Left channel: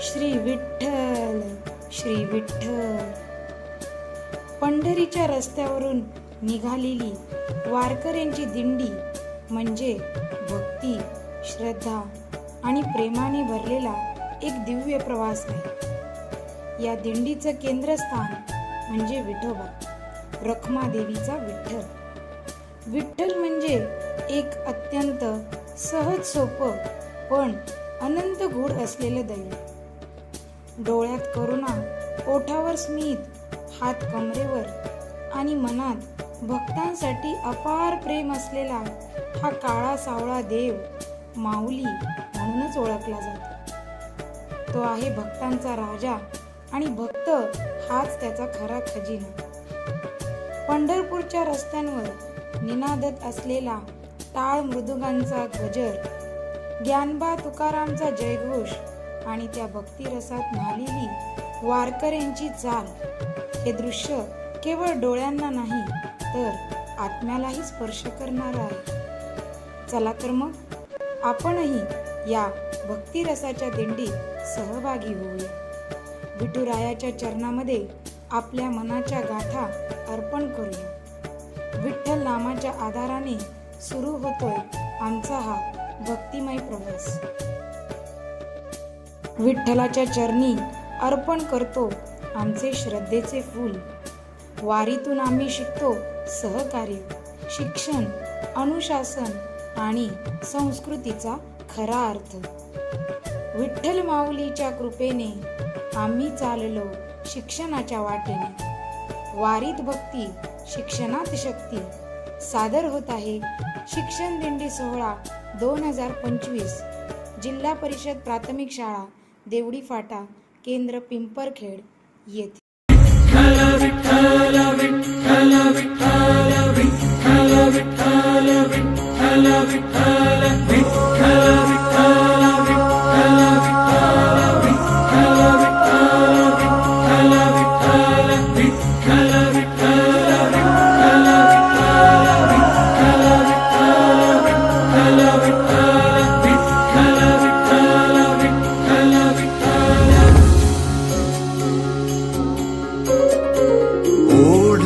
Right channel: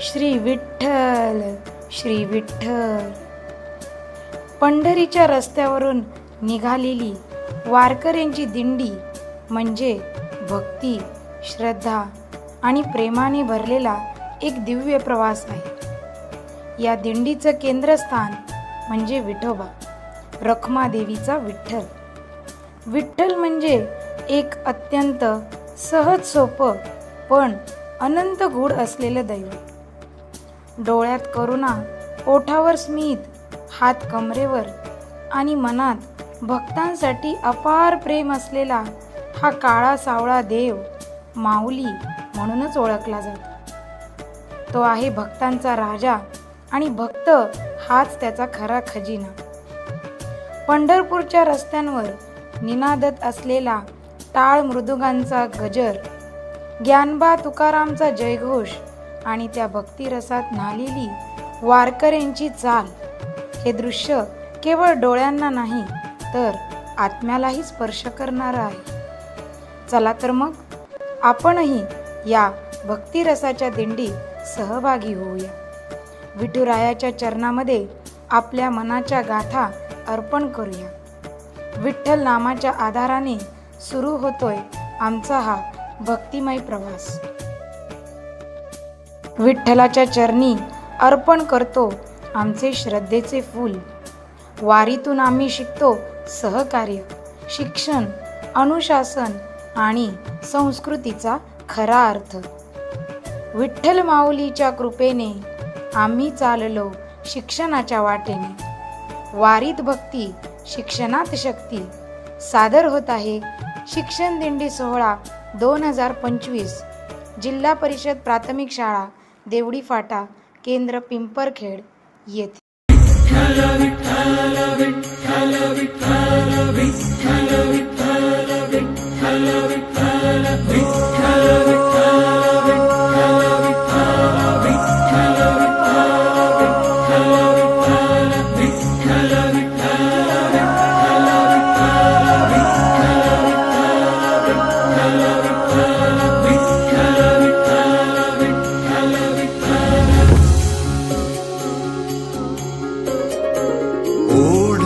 श्री विठ्ठल श्री विठ्ठल. पंढरीच्या रस्त्यावरून निघालेली वारकऱ्यांची दिंडी म्हणजे भक्ती श्रद्धा आणि प्रेमाने भरलेला एक दिव्य प्रवास आहे. या दिंडीचं केंद्रस्थान म्हणजे विठोबा रखमादेवीचा विठ्ठल. विठ्ठल म्हणजे एक अत्यंत सहज सोपं पण अनंत गूढ असलेलं दैवत. डोळ्यात करुणा ओठावर स्मित हात कमरेवर आणि मनात भक्तांसाठी अपार प्रेम असलेला हा काळा सावळा देव माऊली म्हणूनच ओळखला जातो. तो आहे भक्तांचा राजा आणि भक्त हाच त्याचा खरा खजिना. पंढरपूरच्या रस्त्यांवर निनादत असलेला टाळ मृदुगांचा गजर ज्ञानबा तुकारामचा जयघोष आणि त्या भक्तिरसात न्हालेली वारकऱ्यांची चाल हे दृश्य केवळ डोळ्यांना नाही तर आत्म्यालाही स्पर्श करणारं आहे. चला तर मग आपणही या भक्तिरसाच्या दिंडीत सहभागी होऊया. विठुरायाच्या चरणामध्ये आपल्या मनाच्या गाठा अर्पण करूया. विठ्ठल नामाच्या आधाराने सुरू होतोय आमचा हा भक्तिमय प्रवास. विठ्ठलाच्या चरणी अर्पण करतो आमचे श्रद्धेचे फूल. वारीतून आम्ही शिकतो सहकार्य शिक्षण अनुशासन आणि संस्कृतीचा खरा अर्थ. विठ्ठल माऊलीच्या कृपेने आम्ही चाललो शिक्षणाच्या वाटेने. वारीत भक्ती शिक्षणात शक्ती. सादर होत आहे शिक्षण दिंडी सोहळा दोन हजार पंचवीस जिल्हा परिषद प्राथमिक शाळा देवडी फाटा केंद्र पिंपरखेड येथे.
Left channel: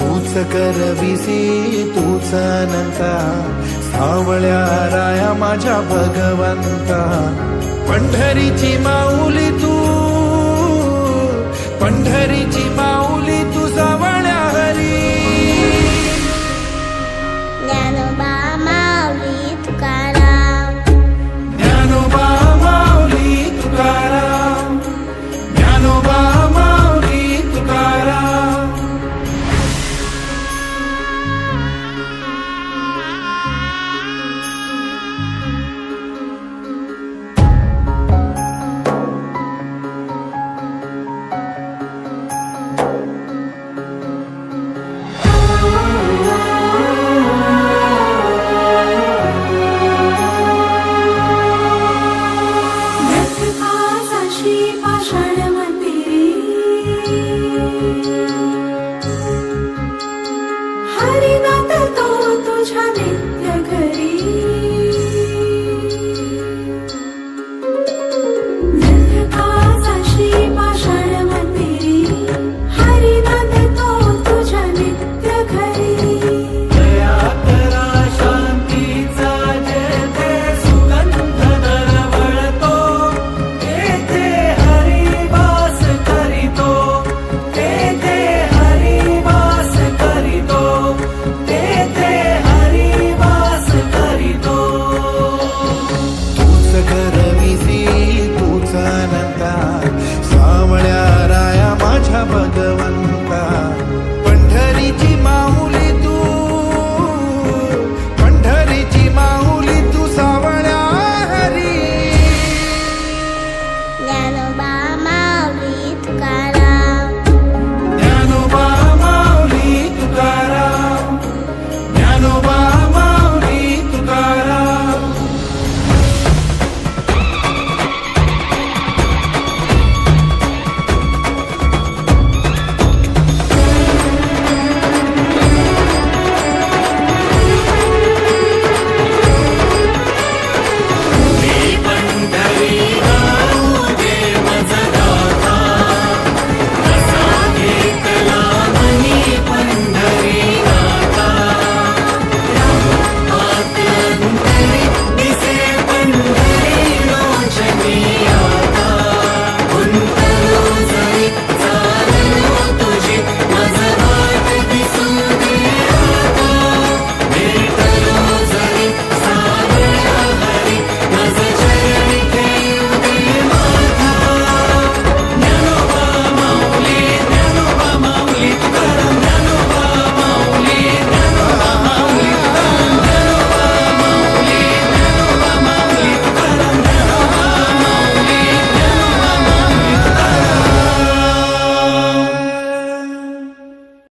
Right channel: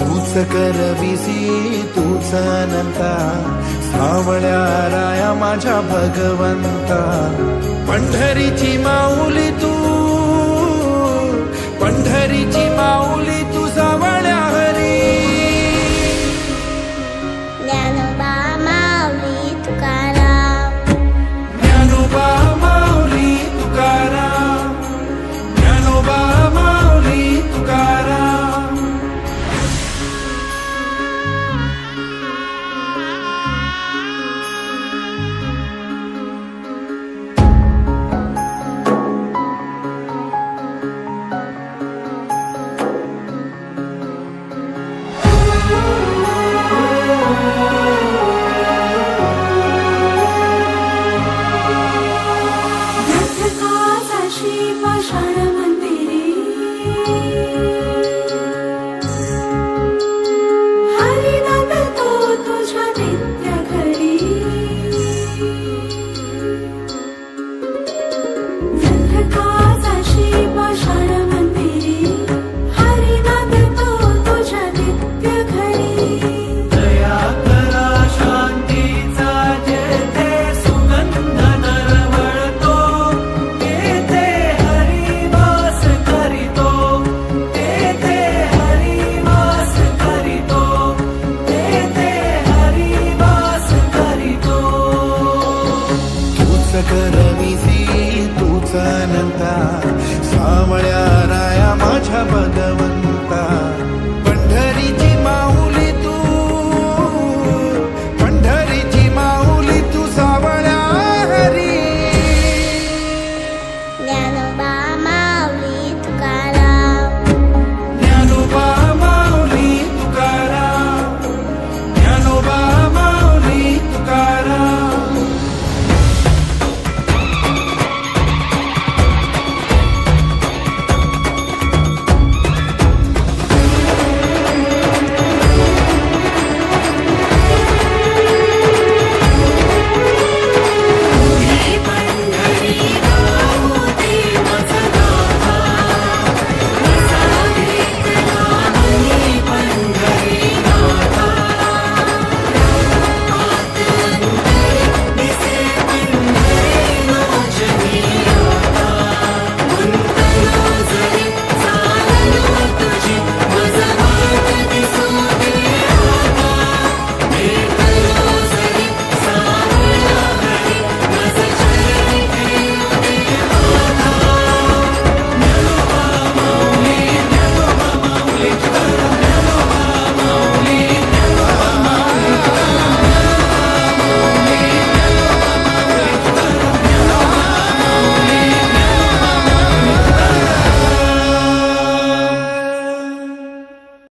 तूच करविसी तूच अनंता. सावळ्या राया माझ्या भगवंता. पंढरीची माऊली तू पंढरीची माऊली तू सावळ्या हरी. ज्ञानोबा अनंता सावळ्या राया माझ्या भगवंता पंढरीची माऊ